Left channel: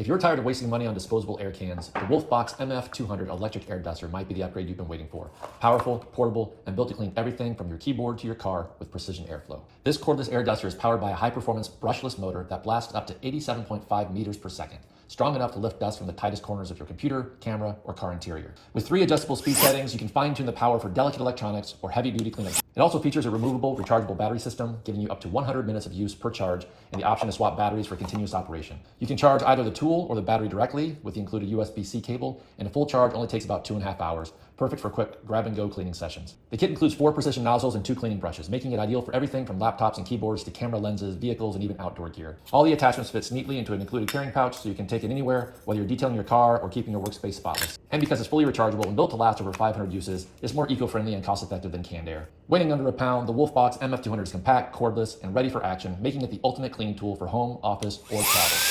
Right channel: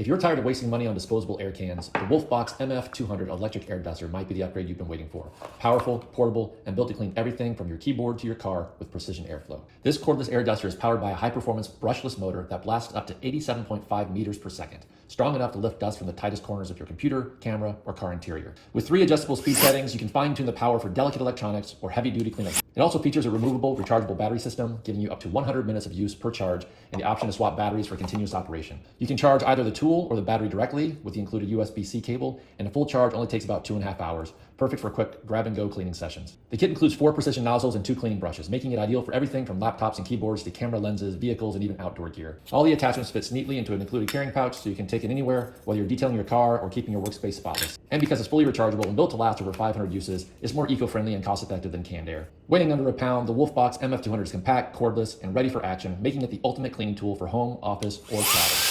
If you're tired of wasting money on disposable air cans, the WOLFBOX MF200 electric air duster might be the upgrade you've been waiting for. Powerful, portable, and built to clean everything from your keyboard to your car with precision airflow. This cordless air duster is powered by a high-performance brushless motor that blasts up to 87.5 meters per second, strong enough to lift dust from the tightest corners of your computer, camera, or car interior. With 3 adjustable speed settings, you can fine-tune the power for delicate electronics or heavy-duty cleaning. It also features a removable, rechargeable battery system, giving you up to 100 minutes of use per charge, and the option to swap batteries for continuous operation. You can charge either the tool or the battery directly with the included USB-C cable, and a full charge only takes about 2.5 hours, perfect for quick grab-and-go cleaning sessions. The kit includes 4 precision nozzles and 2 cleaning brushes, making it ideal for everything from laptops and keyboards to camera lenses, vehicles, and even outdoor gear. All the attachments fit neatly into an included carrying pouch, so you can take it anywhere, whether you're detailing your car or keeping your workspace spotless. And because it's fully rechargeable and built to last over 500 uses, it's more eco-friendly and cost-effective than canned air. Weighing under a pound, the WOLFBOX MF200 is compact, cordless, and ready for action, making it the ultimate cleaning tool for home, office, or travel.